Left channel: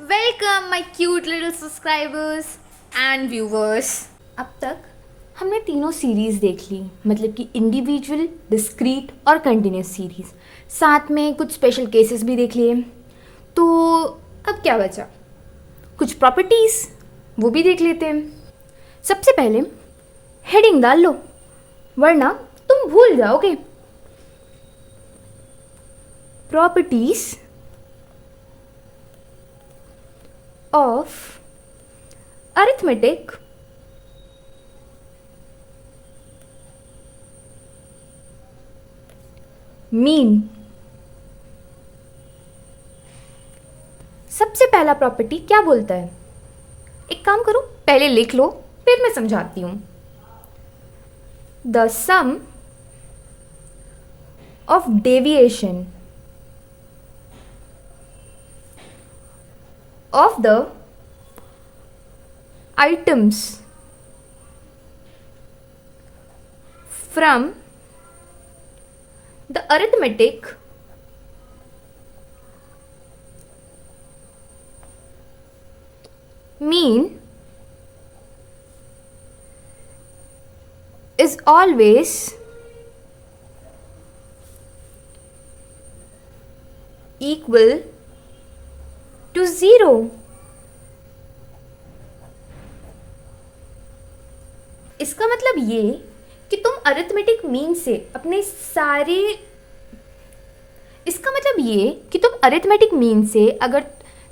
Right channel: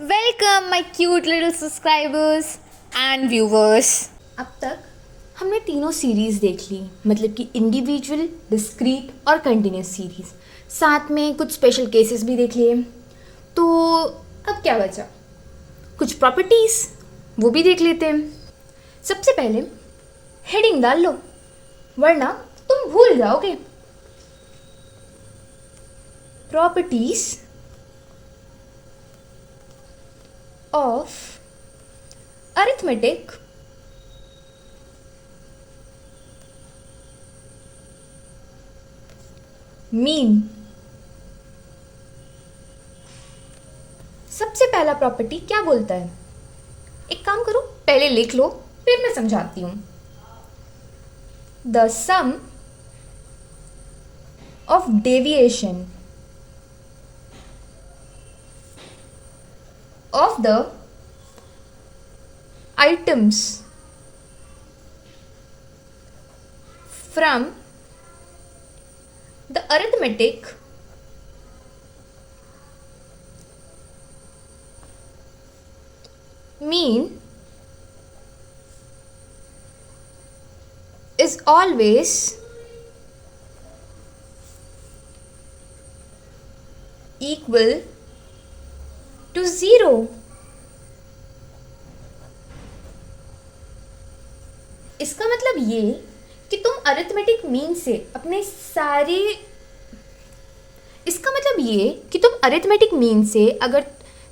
Welcome my cute little subscribers and viewers. अब तक हमने तीनों सीरीज़ देख ली, मतलब कि इंडिविजुअल, डिस्क्रीट और कंटिन्यूस सीरीज़। साथ में कुछ स्पेशल केसेस भी देख लिए। तो अब क्या बचा? कुछ प्रॉपर्टीज़, वो भी देख लेते हैं। सबसे पहले हेडिंग डाल लो, वरना तुम भूल जाओगे। Properties of arithmetic mean। सबसे पहला प्रॉपर्टी क्या बोलता है? एक काम करो, पहले लिख लो, फिर मैं समझाती हूं। The sum of deviation of the items from the arithmetic mean is always equal to 0। इसका मतलब ये कि तुम अरिथमेटिक मीन से अपने सारे इसका मतलब ये कि तुम अरिथमेटिक मीन से अगर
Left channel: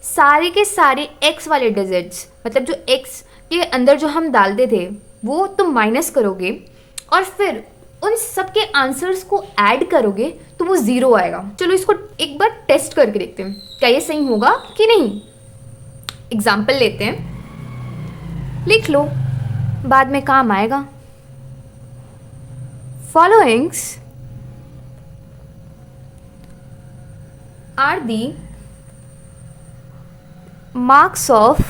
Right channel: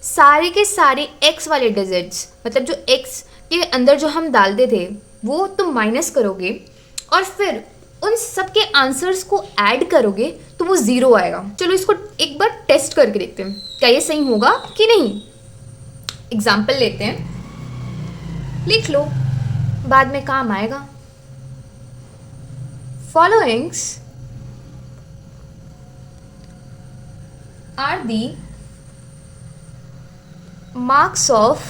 सारे के सारे x वाले डिजिट्स, मतलब जो x के अंदर जो हम डालते थे वो तुम माइनस करोगे और फिर उन सब के आंसर्स को ऐड करोगे तो वो 0 आएगा। चलो इसको एक बार टेस्ट करके देखते हैं, क्या ये सही होगा कि नहीं। एग्जाम्पल लेते हैं, लिख लो, बाद में काम आएगा। Followings are the marks of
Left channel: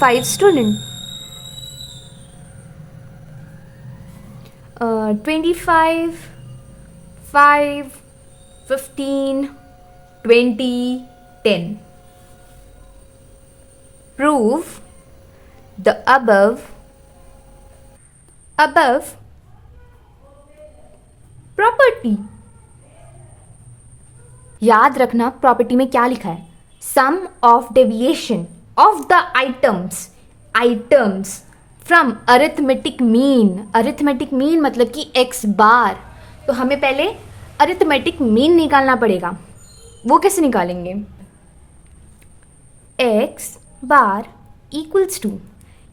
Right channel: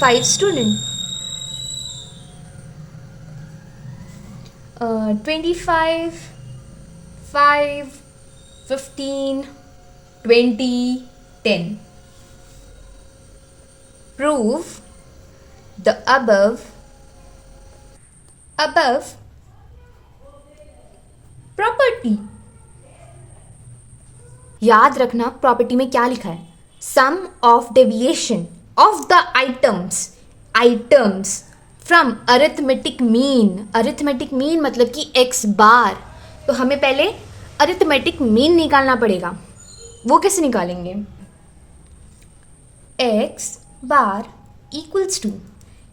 5 student. 25, 5, 15, 20, 10। Prove the above property। याद रखना प्रॉपर्टी में क्या लिखा है। Sum of deviation of the items from arithmetic mean. Arithmetic mean मतलब कि x बार। तो हमें पहले अरिथमेटिक मीन निकालना पड़ेगा। वो कैसे निकालेंगे? x बार इक्वल्स टू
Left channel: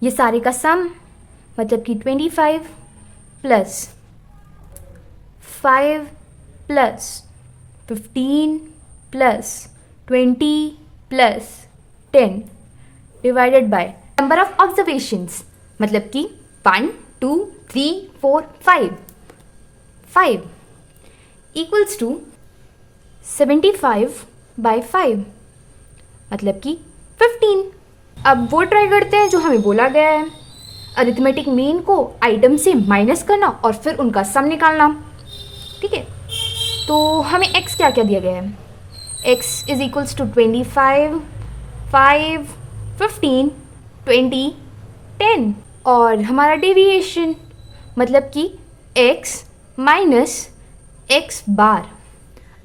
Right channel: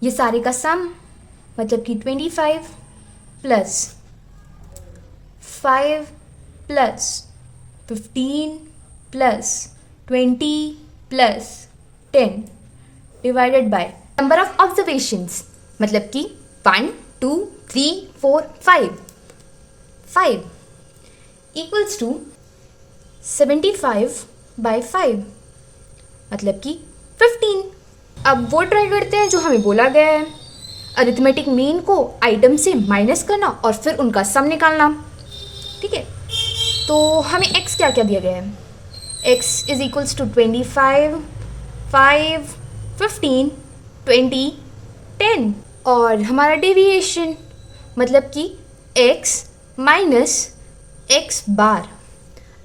ये सारे का सम, मतलब कि 25 plus 5 plus 15 plus 20 plus 10 divided by number of observations, मतलब कि 1 2 3 4 5 इक्वल्स टू 75 बाय 5, मतलब कि 15। अब वो ट्राई करते हैं जो हमें बोला गया है, अरिथमेटिक मीन को आइटम से माइनस करना और फिर उनका सम निकालना। ठीक है, तो हमें x क्या क्या दिया गया है? x इज इक्वल्स टू 25, 5, 15, 20, 10 और हमारा डेविएशन मतलब कि x माइनस x बार।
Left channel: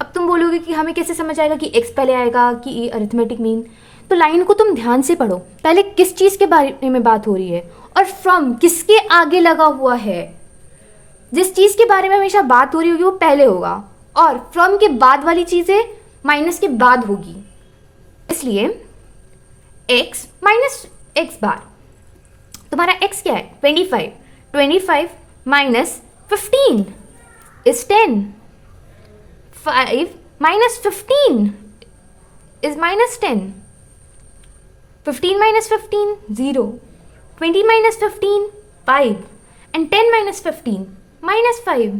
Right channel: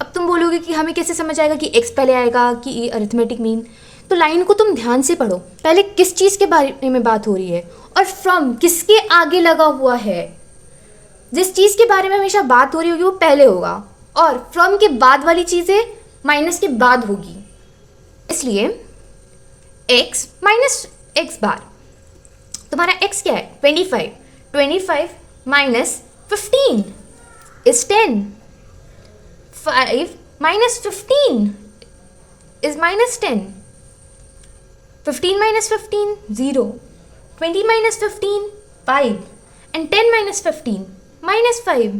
अब तुम बोलोगे कि हमें कैसे समझ आएगा कि x पहले आएगा कि अरिथमेटिक मीन? तो लाइन को तुम ध्यान से पढ़ो, पहले किस चीज़ के बारे में बात हो रही है और फ्रॉम किसके आगे लगा हुआ है। जिस चीज़ के बारे में हमेशा बात हो रही होगी वो पहले होगा और फ्रॉम के बाद वाली चीज़ें माइनस के बाद होगी। इसलिए x माइनस x बार, तुम्हारा x क्या है? 25। 25 minus 15 is 10। 5 minus 15 is minus 10। 15 minus 15 0, 20 minus 15 5 and 10 minus 15 minus 5।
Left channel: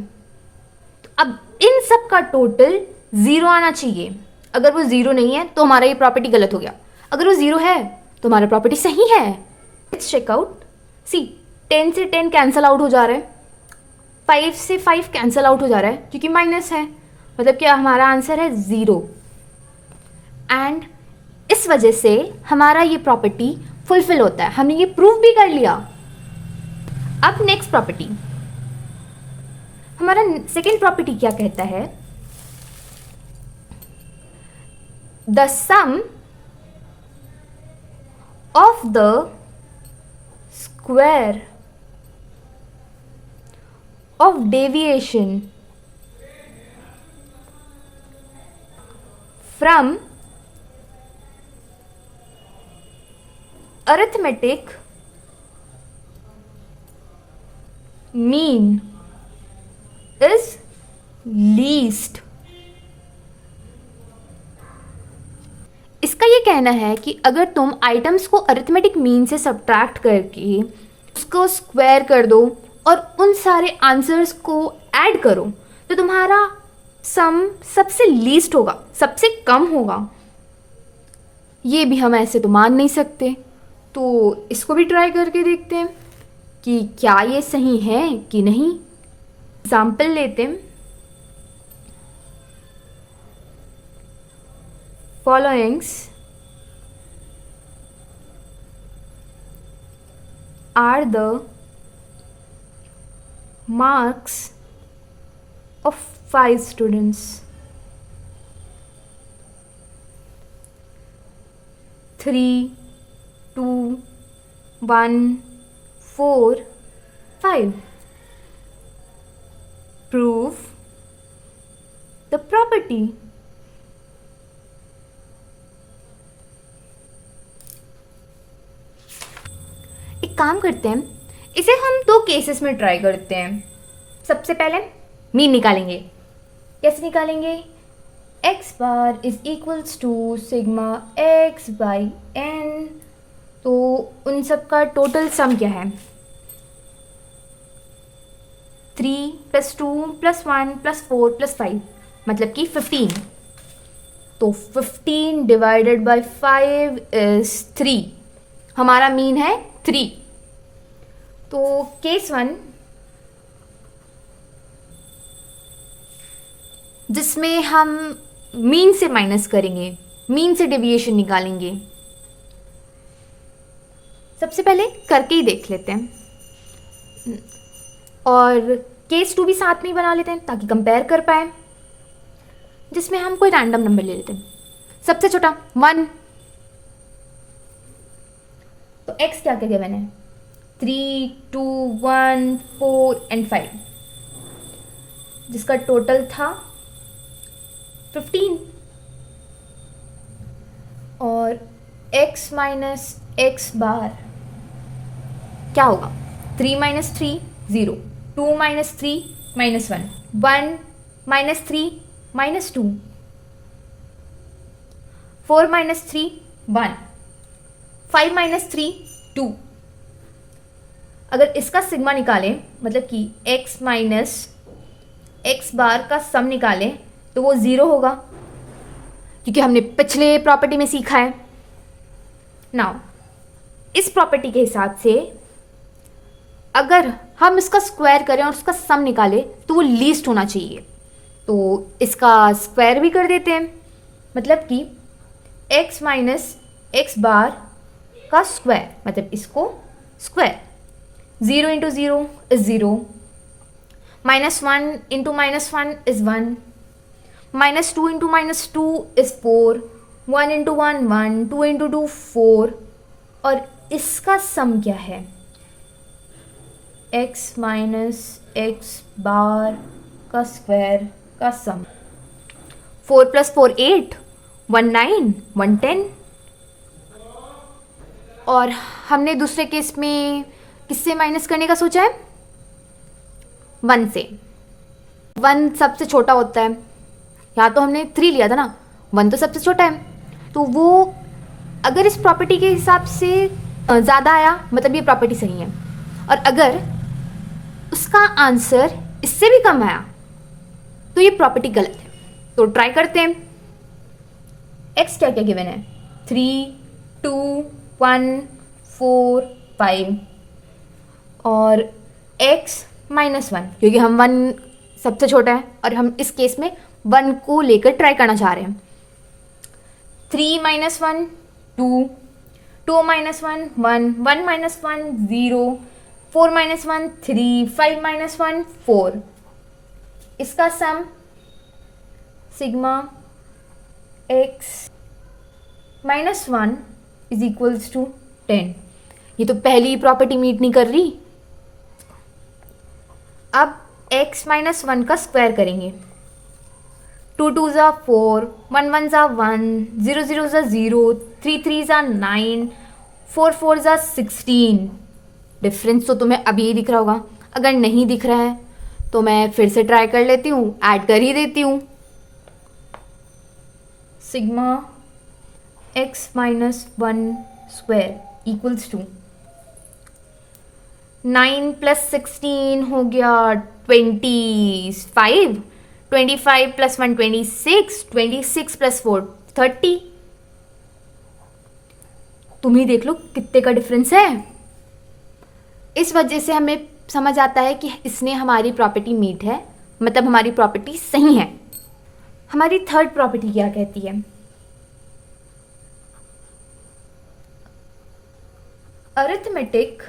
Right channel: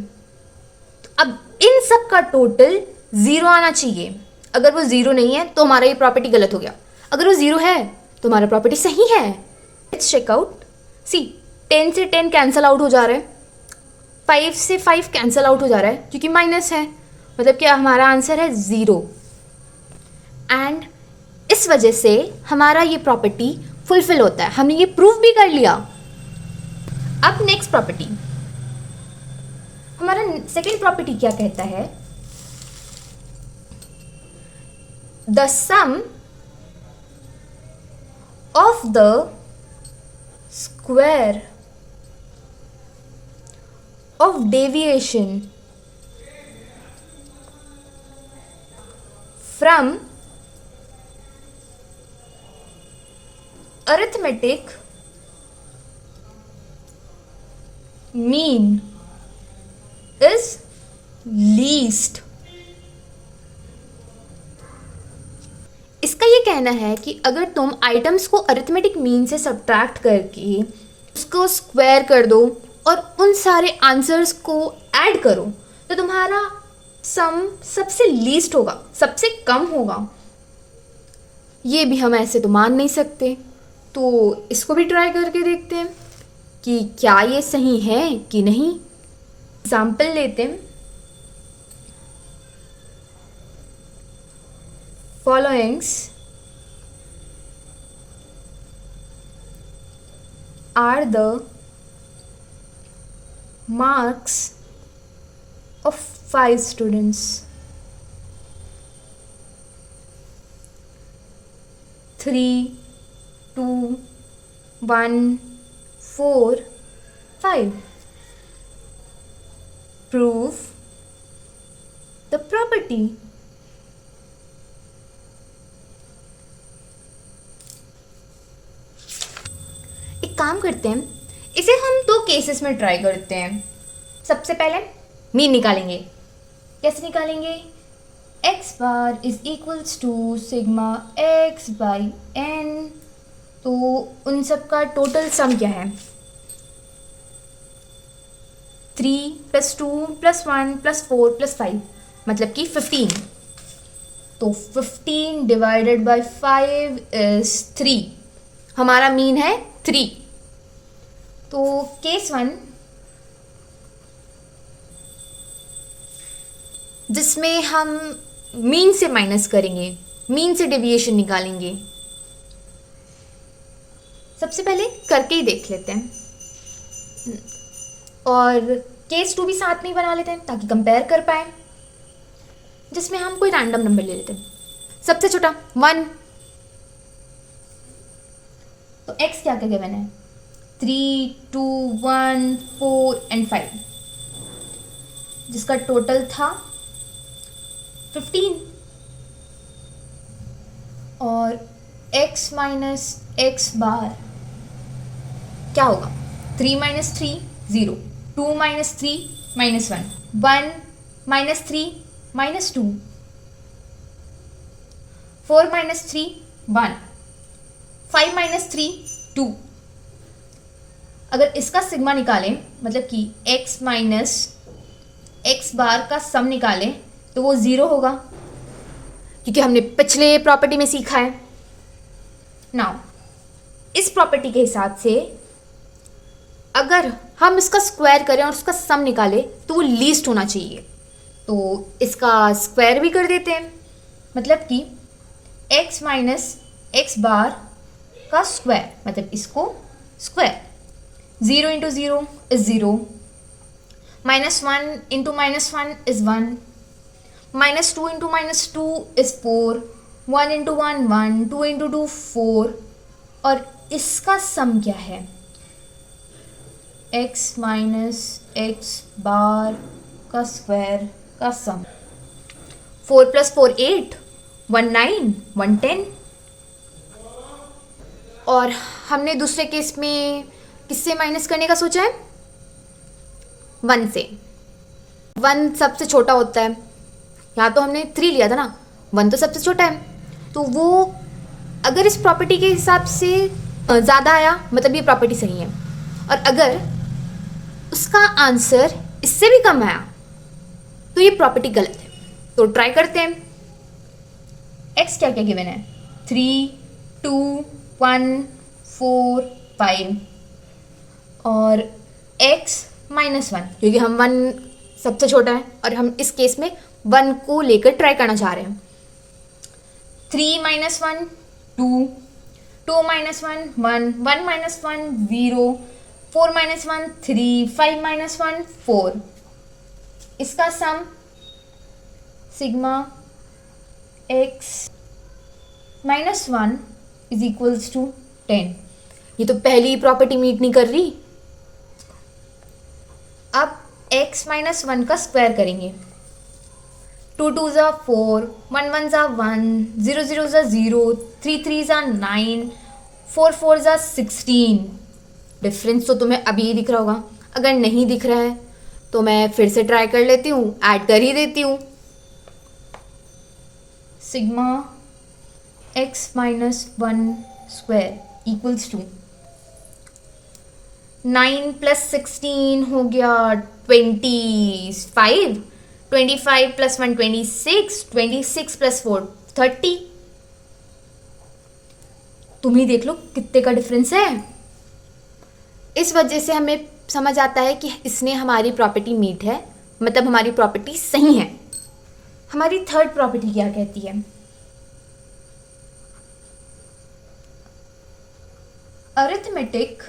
अब इन सब का टोटल 0 आना चाहिए। अगर वो 0 नहीं है तो हमारा ये प्रॉपर्टी गलत हो गया, अगर वो 0 है तो हमारा प्रॉपर्टी सही है। Let's check out. सी 10 से 10 कैंसिल आउट हो जा रहा है, 5 से 5 कैंसिल आउट हो जा रहा है क्योंकि माइनस है, मतलब कि हमारा आंसर है 0। एंड इस वजह से हमारा ये प्रॉपर्टी फुलफिल होता है, हमने ये प्रूव भी कर लिया। अब नेक्स्ट प्रॉपर्टी, हमारा सेकेंड प्रॉपर्टी क्या कहता है, the sum of the square of deviation from arithmetic mean is least। इसका ये कहना है कि अगर तुम आइटम्स को अरिथमेटिक मीन से सब्ट्रैक्ट करके उसको स्क्वायर कर दो और उन सारे आंसर्स को ऐड करो तो तुम्हारा सम सबसे लीस्ट होगा, सबसे कम होगा। ये भी हम ऐसे तो मान नहीं सकते, तो इसको भी ट्राई करके देखते हैं कि क्या ये सही है कि नहीं। एग्जाम्पल लेते हैं, followings are the marks of 5 students. 3, 2, 1, 4, 5. Prove the property. एक काम करते हैं, इसे हम 2 केसेस में ट्राई करते हैं। सबसे पहले मीन निकालेंगे। कैसे निकालेंगे? x bar is equals to sigma x by n। तो उन सब का टोटल सम क्या है? 3 + 2 + 1 + 4 + 5 मतलब कि 15। तो 15 डिवाइडेड बाई 5 इज 3। हमारा मीन है 3। तो केस 1 जिसमें हम मीन से माइनस करेंगे, मीन से डेविएशन निकालेंगे। सबसे पहले करके ही देख लेते हैं और केस 2 भी साथ में ही बना लेते हैं ताकि कंपेयर कर पाए। जिसमें हम कोई रैंडम नंबर ले लेते हैं। सबसे छोटा 1। तो x क्या क्या मैंने 3, 2, 1, 4 एंड 5 जिसका टोटल था 15। और x माइनस x बार क्या होगा? 3 - 3 0, 2 - 3 -1, 1 - 3 -2, 4 - 3 1, 5 - 3 2। अगर इसका सिग्मा निकालें मतलब कि x माइनस x बार का सम निकालें तो वो 0 होगा क्योंकि हमने पिछले प्रॉपर्टी में सीखा है। नाउ इस प्रॉपर्टी के हिसाब से अगर हम इसका स्क्वायर करें और उसका सम निकालें तो वो लीस्ट होना चाहिए। तो इसका स्क्वायर भी कर देते हैं मतलब कि x माइनस x बार का स्क्वायर मतलब इसको स्क्वायर। 0 × 0 is 0, -1 × -1 is 1, -2 × -2 is 4, 1 × 1 1, 2 × 2 4। और इसका सम क्या है? x माइनस x बार का स्क्वायर का सम। 4 + 4 8, 1 9, 1 10। और हमने दूसरे केस में किससे माइनस करने का सोचा है? 1 से। 1 सबसे छोटा होता है। यहाँ तो हमने 3 लिया था ना, 1 तो सबसे छोटा है। तो वो अगर इस प्रॉपर्टी के हिसाब से ज़्यादा आया मतलब ये प्रॉपर्टी सही है, और अगर उसका आंसर इससे भी कम आया तो ये प्रॉपर्टी गलत है। तो ट्राई करते हैं। x क्या क्या गिवन है? 3, 2, 1, 4, 5 और x -1 क्योंकि हम 1 सबसे छोटा है और हम इस केस में 1 को लेकर ट्राई करना चाह रहे हैं। 3 - 1 2, 2 minus 1 1, 1 minus 1 0, 4 minus 1 3, 5 minus 1 4. इसका sum sigma x minus 1 is equals to 10. ये तो पहली प्रॉपर्टी मीट नहीं कर रही. अब x माइनस 1 का स्क्वायर करेंगे. 2 2 ज़ा 4, 1 1 ज़ा 1, 0 0 ज़ा 0, 3 3 ज़ा 9, 4 4 ज़ा 16. डिफरेंस तो तुम्हें अभी ही दिख रहा होगा. अगर नहीं दिख रहा है तो मैं फिर से ट्राई कर लेती हूँ, ऐड कर ही देती हूँ. Sigma x minus 1 square equals to 9 plus 16 हो गया 25, 25 प्लस 1 26, 26 प्लस 4 30. तुम ही देख लो कितने का डिफरेंस है. इस वजह से हमें समझ आता है कि इसने हमारी प्रॉपर्टी मीट है, मतलब हमारी प्रॉपर्टी सही है. हमारी थर्ड प्रॉपर्टी क्या कहती है? Arithmetic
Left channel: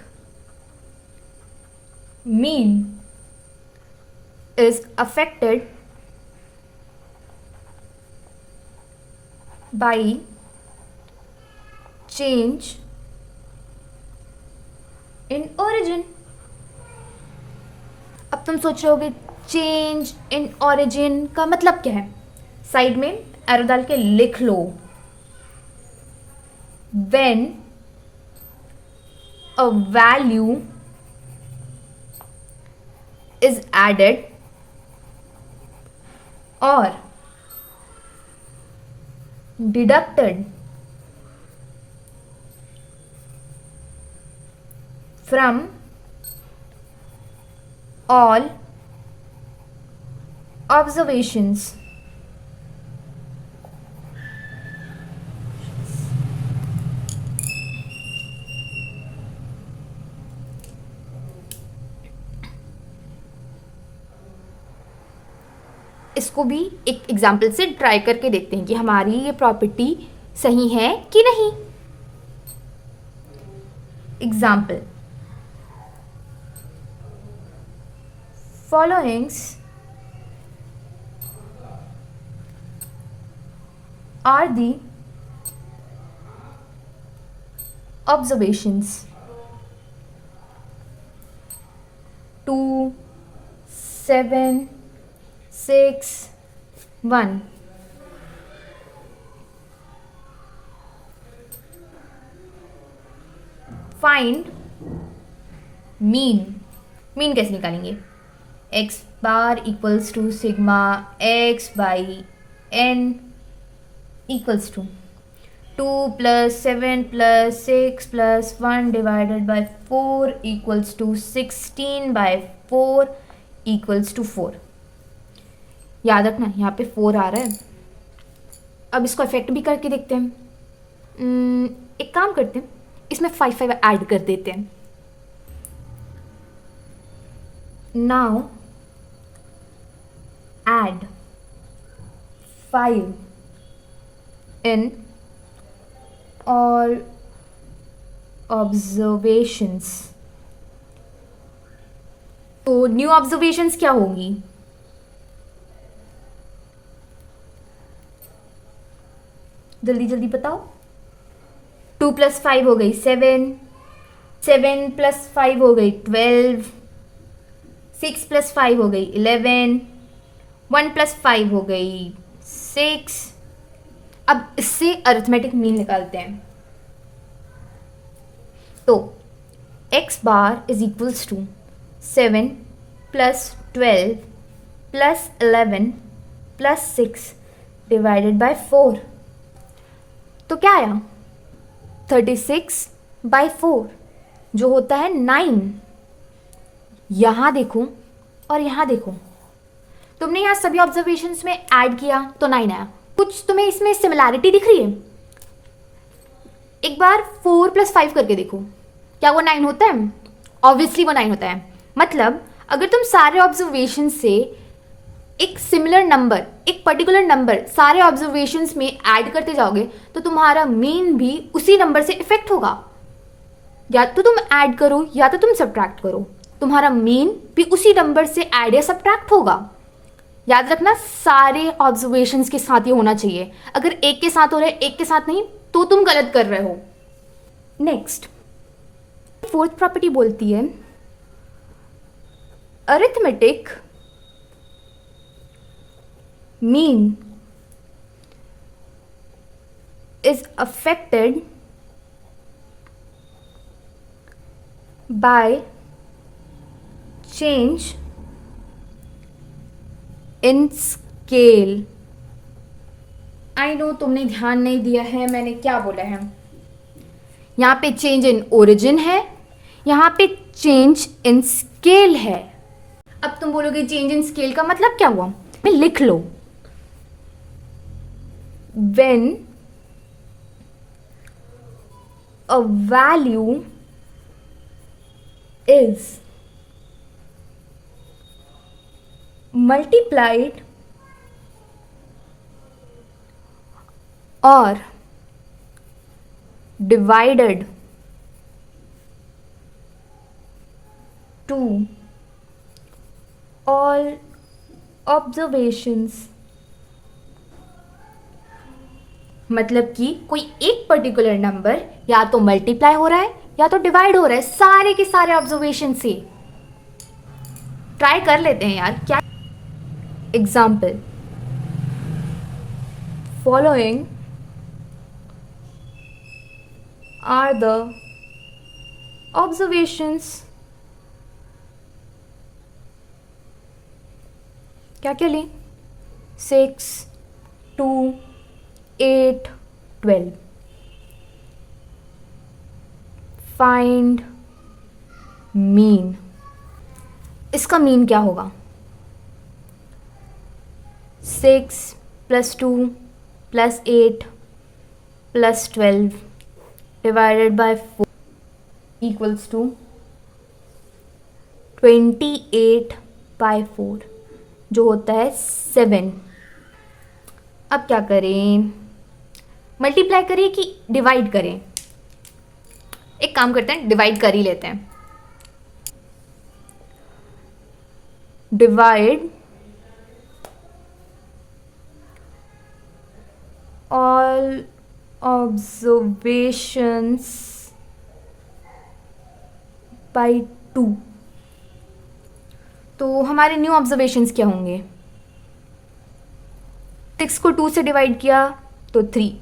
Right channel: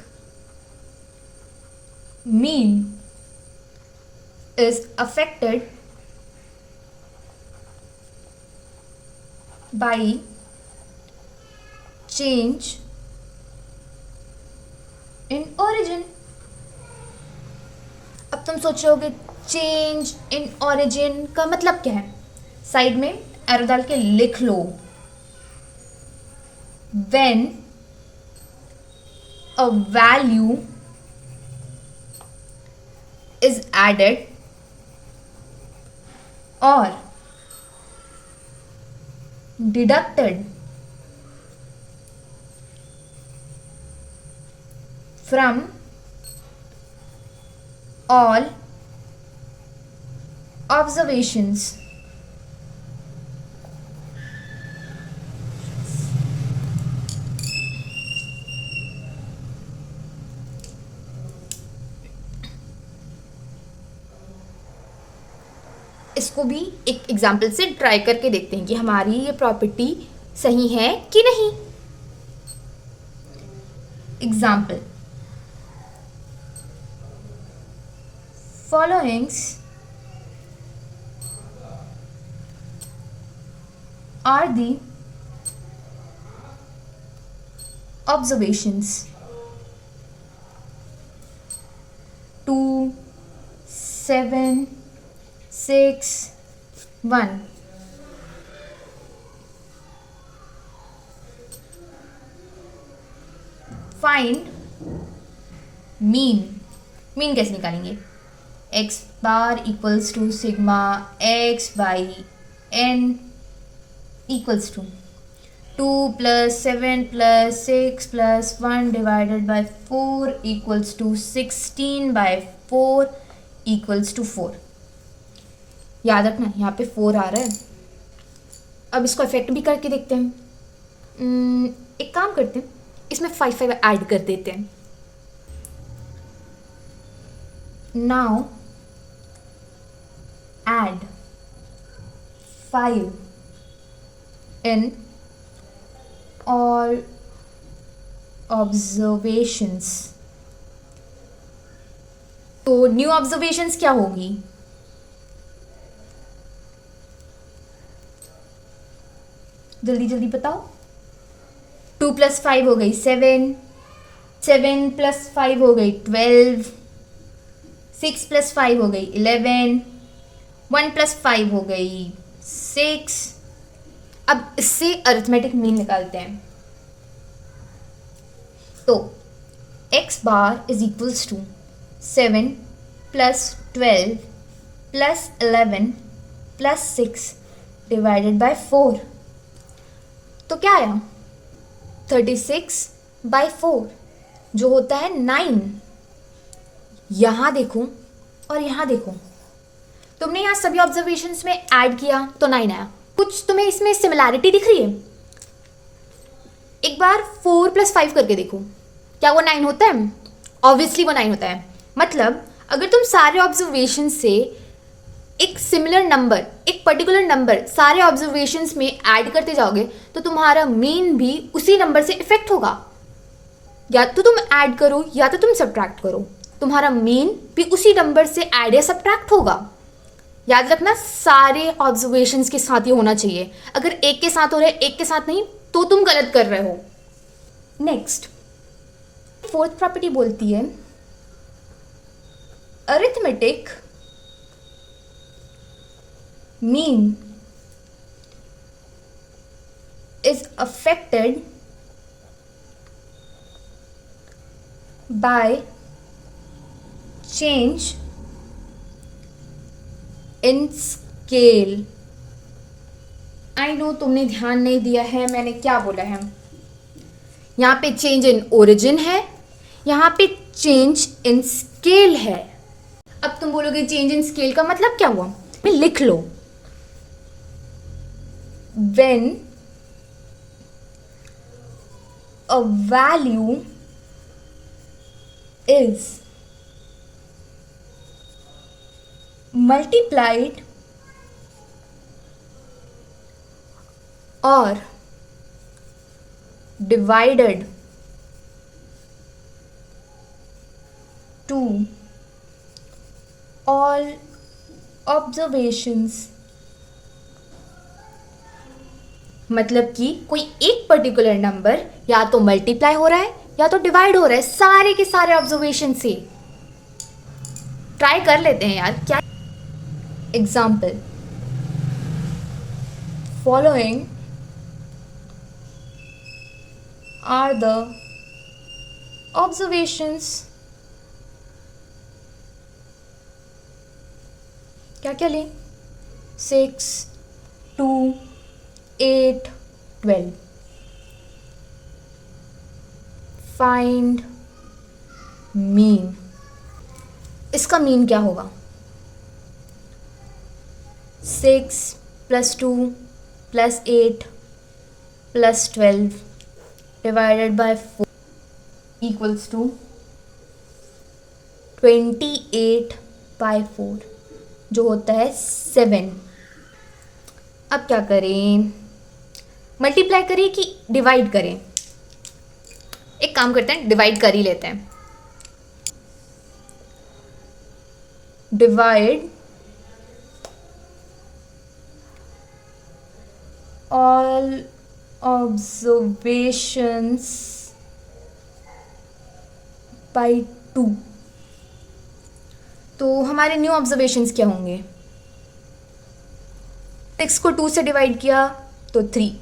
mean is affected by change in origin. अब तुम सोचोगे चेंज इन ओरिजिन का मतलब क्या है? साइड में एरो डाल के लिख लो. When a value is added or deducted from all observations इसको भी एक एग्जाम्पल से ट्राई करके देखते हैं कि हमारी ये प्रॉपर्टी सही है कि नहीं. Example, followings are the observations 2 7 6 1. Find mean. Mean कैसे निकालेंगे? x bar equals to sigma x by n equals to 2 plus 7 plus 6 plus 1 divided by 4 equals to 16 by 4 equals to 4. याद रखना यहाँ पे 4 आ रहा है. अब इसको इफेक्ट भी करके देखते हैं. एक काम करते हैं, इसमें 5 5 ऐड कर देते हैं. नाउ ऐड 5 इन all observations. तो न्यू ऑब्जर्वेशंस क्या होंगी? जल्दी जल्दी बताओ. 2 प्लस 5 हो गई 7, 7 प्लस 5 हो गई 12, 6 प्लस 5 हो गई 11, 1 प्लस 5 हो गई 6. अब इससे अरिथमेटिक मीन निकालते हैं. तो x bar is equals to 7 plus 12 plus 11 plus 6 divided by 4. तो क्या आया? 36 बाई 4 जो होता है 9. यहाँ देखो और यहाँ देखो, तुमने यहाँ सभी ऑब्जर्वेशंस में ऐड किया तो 9 आया. कुछ तुम्हें इसमें सिमिलैरिटी दिख रही है? एक बार 4 प्लस 5 करके देखो, क्या वो 9 होता है? ऑब्वियसली वो 9 होता है. मतलब अगर तुम सारे ऑब्जर्वेशन से एक सिमिलर नंबर, एक पर्टिकुलर नंबर सारे ऑब्जर्वेशंस में ऐड करते जाओगे तो तुम्हारा मीन भी उसी नंबर से इफेक्ट होगा। या तो तुम ऐड करो या तो तुम सब्ट्रैक्ट करो, तुम्हारा मीन भी उसी नंबर से ऐड या सब्ट्रैक्ट होगा। याद रखना सारे ऑब्जर्वेशंस के साथ ये होना चाहिए। अगर एक के साथ हो रहा है एक के साथ नहीं तो तुम गलत कर रहे हो। नेक्स्ट, फोर्थ प्रॉपर्टी बोलती है arithmetic mean is affected by change in scale। I know तुमने ध्यान नहीं दिया है मैंने क्या बोला है। यहाँ पे चेंज इन ओरिजिन है, यहाँ पे चेंज इन स्केल है। अब तुम बोलोगे चेंज इन स्केल का मतलब क्या हुआ, लिख लो। When a value is multiplied or divided to all observations, मतलब कि कोई एक पर्टिकुलर नंबर या तो मल्टीप्लाई हो रहा है या तो डिवाइड हो रहा है सारे के सारे ऑब्जर्वेशन से। ट्राई कर लेते हैं यार क्या। Example, following are the observations. क्या क्या लें, 6, 2, 8, 12। Find mean. इसका मीन क्या होगा, 6 + 2 + 8 + 12 डिवाइडेड बाय 4 इक्वल्स टू 28/4 जो होता है 7। अब क्या करें, मल्टीप्लाई करें कि डिवाइड करें। एक काम करते हैं, डिवाइड कर ही लेते हैं। Divide all observations by 2। तो हमारे न्यू ऑब्जर्वेशंस क्या होंगे, 6 को 2 से डिवाइड किया तो 3,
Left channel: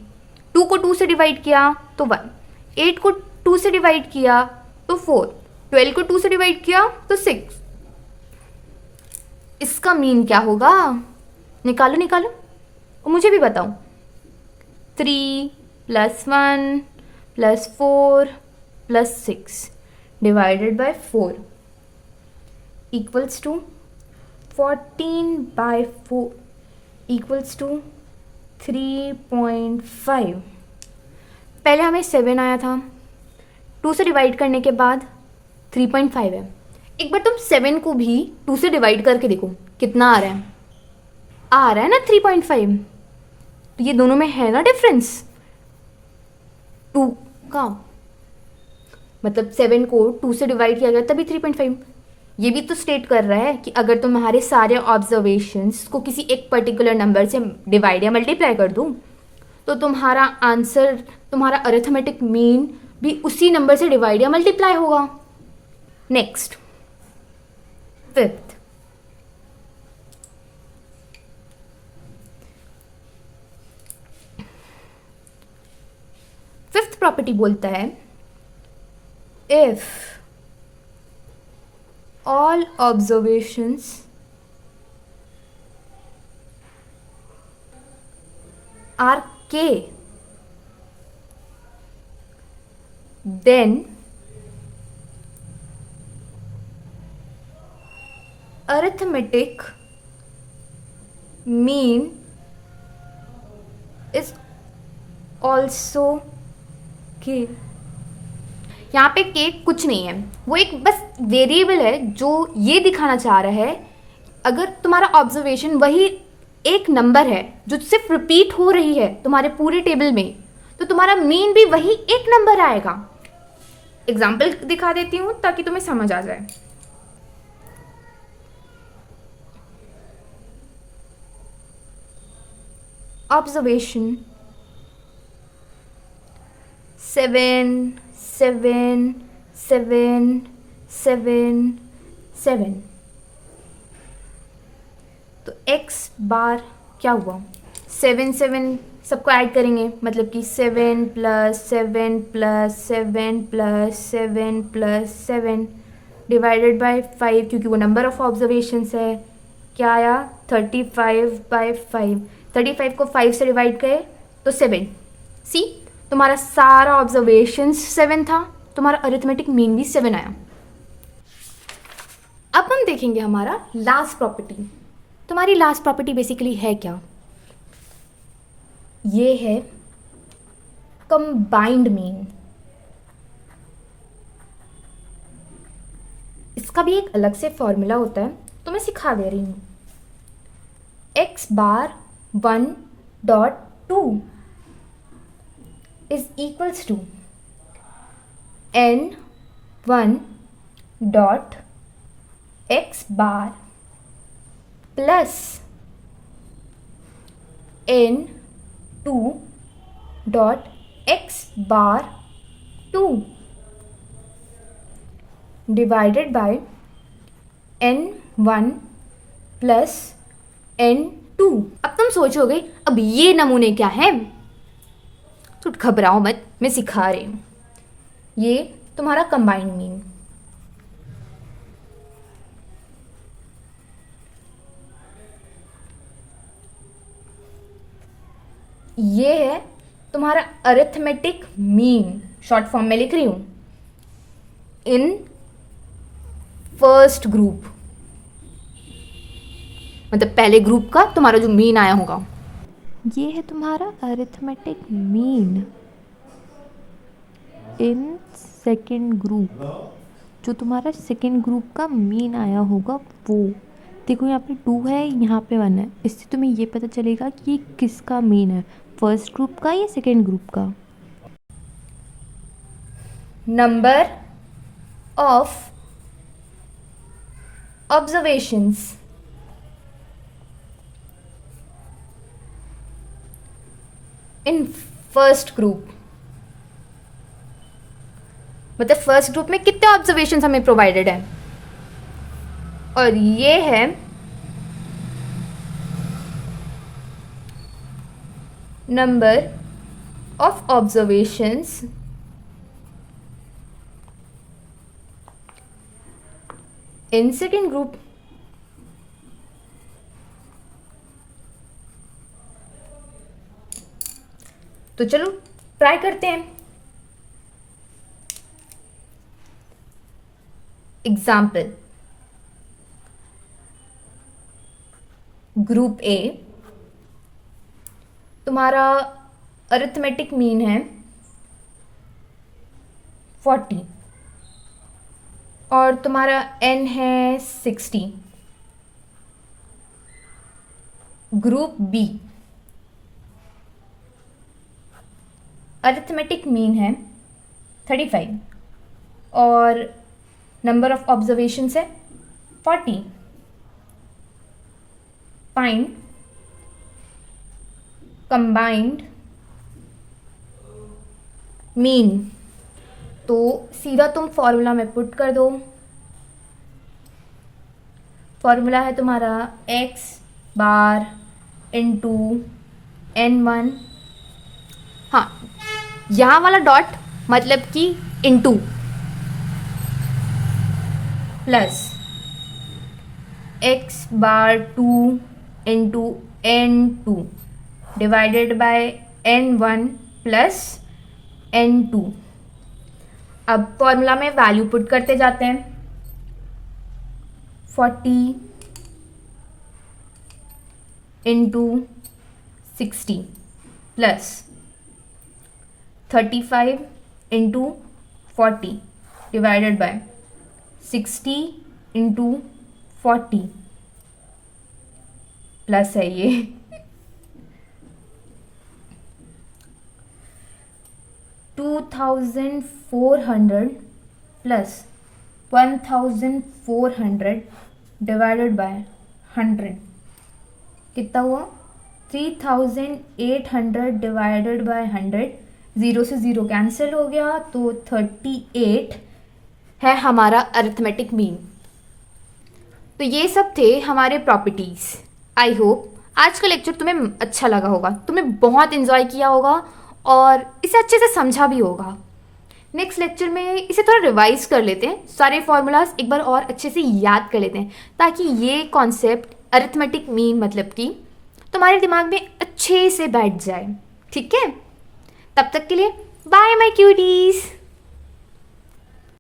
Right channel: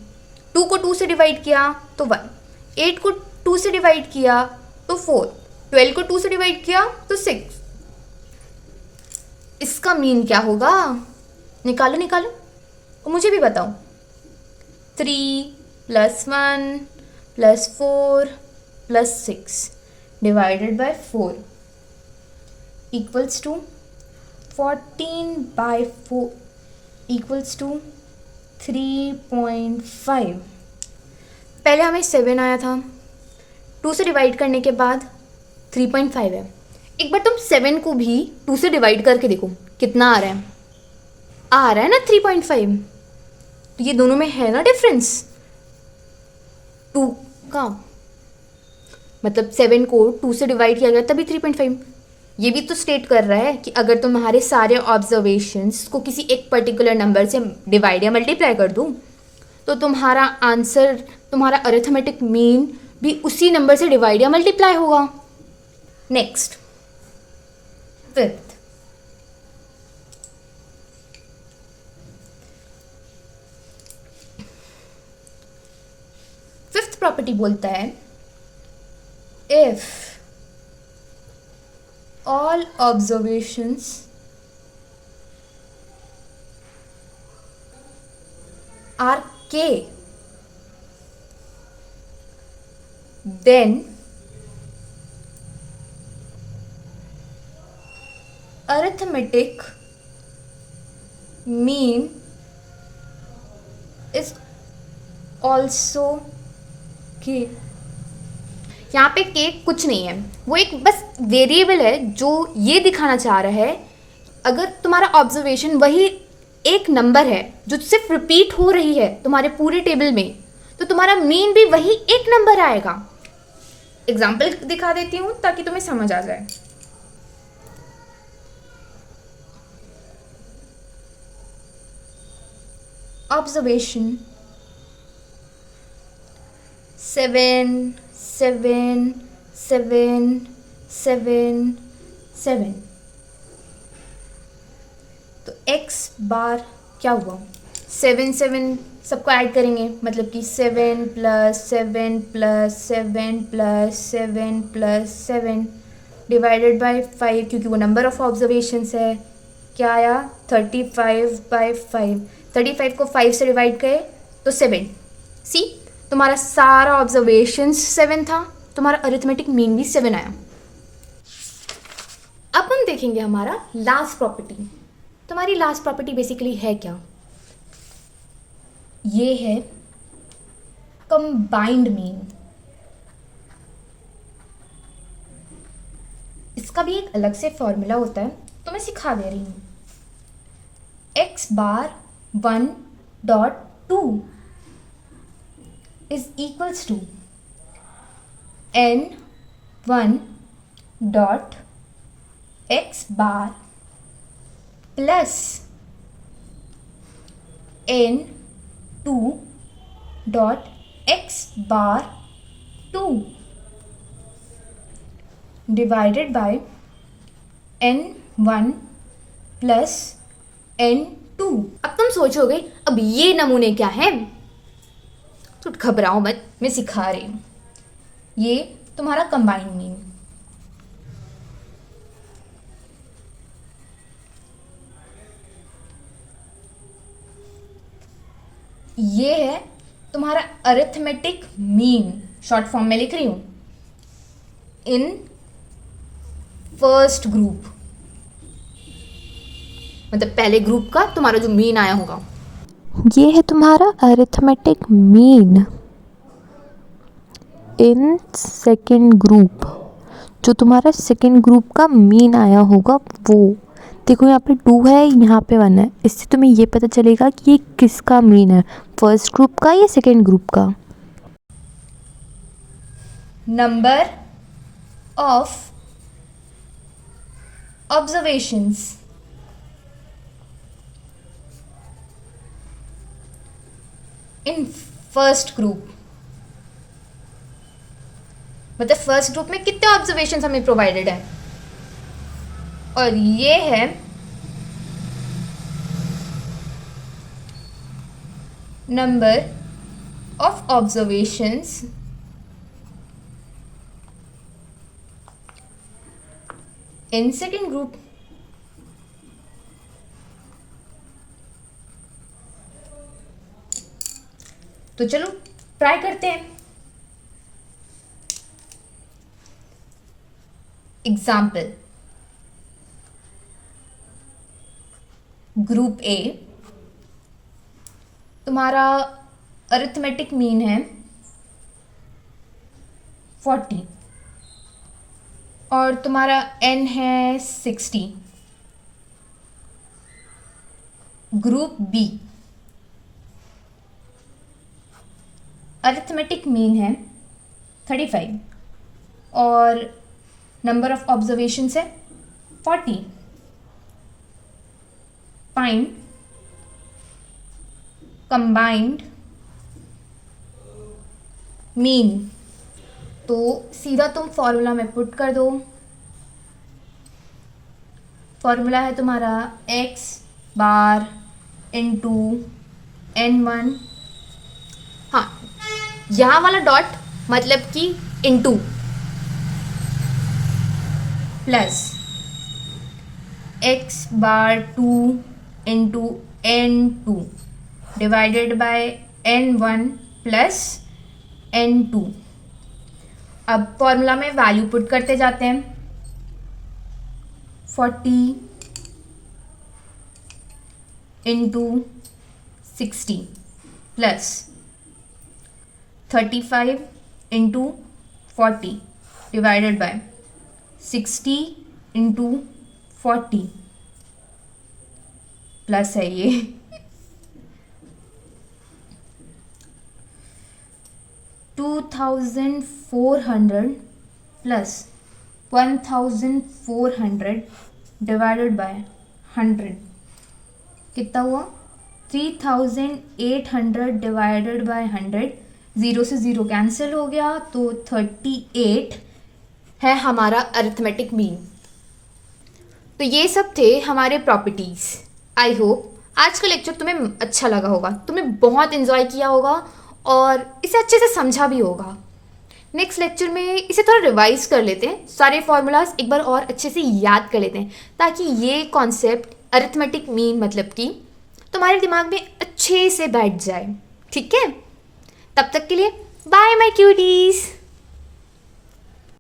2 को 2 से डिवाइड किया तो 1, 8 को 2 से डिवाइड किया तो 4, 12 को 2 से डिवाइड किया तो 6। इसका मीन क्या होगा, निकालो निकालो और मुझे भी बताओ। 3 + 1 + 4 + 6 divided by 4 equals to 14/4 equals to 3.5। पहले हमें 7 आया था, 2 से डिवाइड करने के बाद 3.5 है। एक बार तुम 7 को भी 2 से डिवाइड करके देखो कितना आ रहा है, आ रहा है ना 3.5। तो ये दोनों में है ना डिफरेंस 2 का, मतलब 7 को 2 से डिवाइड किया गया तभी 3.5। ये भी तो स्टेट कर रहा है कि अगर तुम्हारे सारे ऑब्जर्वेशंस को किसी एक पर्टिकुलर नंबर से डिवाइड या मल्टीप्लाई कर दूं तो तुम्हारा आंसर, तुम्हारा अरिथमेटिक मीन भी उसी नंबर से डिवाइड या मल्टीप्लाई होगा। नेक्स्ट, फिफ्थ, प्रॉपर्टी बोलता है if all observations are k, then arithmetic mean is also k। यहाँ पे के कुछ नहीं है, वो एक बस वेरिएबल है जो ये दिखाना चाह रहा है अगर तुम्हारा ऑब्जर्वेशन वही एक नंबर है जो सिर्फ रिपीट हो रही है तुम्हारे पूरे टेबल में, तो तुम्हारा मीन भी वही एक नंबर आएगा। एग्जाम्पल दिखा देती हूँ ताकि तुम्हें समझ आ जाए। ऑब्जर्वेशन 7 7 7 7 7। तो x बार क्या हुआ, 7 7 सबको ऐड करेंगे, मतलब कि 7 plus 7 plus 7 plus 7 plus 7 divided by 5, क्योंकि वो नंबर ऑफ ऑब्जर्वेशंस है। क्या आया, 35/5। 35 को 5 से डिवाइड करें तो 7। सी, तुम्हारा सारा ऑब्जर्वेशंस 7 था, तुम्हारा अरिथमेटिक मीन भी 7 आया। अब हम देखेंगे हमारा लास्ट प्रॉपर्टी। तुम्हारी लास्ट प्रॉपर्टी बेसिकली है क्या, ये है कंबाइंड मीन। इसका भी एक अलग से फॉर्मूला होता है, तो मैं सिखा दे रही हूँ। x bar 1.2 is equals to n1 dot x bar plus n2 dot x bar 2 divided by n1 plus n2। अब तुम सोचोगे अब ये नमूने क्या है, तो घबराओ मत, मैं सिखा रही हूँ। ये तुम्हारा कंबाइंड मीन। ये है तुम्हारा अरिथमेटिक मीन, शॉर्ट फॉर्म में लिख रही हूं, इन फर्स्ट ग्रुप, मतलब पहले ग्रुप का तुम्हारा जो मीन आया होगा। ये है तुम्हारा arithmetic mean in second group, जो तुम्हारा सेकेंड ग्रुप का मीन आया होगा वो। देखो यहाँ पे 2 है, यहाँ पे 1 है, इससे तुम्हें ये पता चलेगा कि ये किसका मीन है, फर्स्ट ग्रुप का या सेकेंड ग्रुप का। Number of observations in first group, मतलब फर्स्ट ग्रुप में कितने ऑब्जर्वेशंस हमें प्रोवाइडेड है, और ये है number of observations in second group. तो चलो ट्राई करते हैं। एग्जाम्पल, ग्रुप ए, तुम्हारा अरिथमेटिक मीन है 40 और तुम्हारा n है 60। ग्रुप बी, अरिथमेटिक मीन है 35 और नंबर ऑफ ऑब्जर्वेशंस है 40। Find combined mean. तो सीधा तुम फॉर्मूला में पुट कर दो। फॉर्मूला है तुम्हारा x बार इंटू n1, हाँ यहाँ वाला डॉट मतलब कि into, plus x bar 2 into n2 divided by n1 plus n2। अब फॉर्मूला में वैल्यू पुट करते जाते हैं। 40 into 60 plus 35 into 40 divided by 60 into 40 plus है ये 2400 प्लस 1400 डिवाइडेड बाय 100 कितना हुआ? 3800 डिवाइडेड बाय 100, 0 से 0 कैंसिल हो गया तो 38 है हमारा अरिथमेटिक मीन। तो ये सब थे हमारे प्रॉपर्टीज़। आई होप आज का लेक्चर तुम्हें अच्छा लगा होगा, तुमने बहुत इन्जॉय किया होगा और इसे अच्छे से समझा भी होगा। नेक्स्ट लेक्चर में इसे थोड़ा रिवाइज कर लेते हैं, सारे फॉर्मूलाज एक बार और अच्छे से याद कर लेते हैं ताकि ये कॉन्सेप्ट अरिथमेटिक मीन मतलब कि तुम्हारे दिमाग में अच्छे से बैठ जाए। ठीक है, तब तक के लिए बाय माय क्यूटीज़।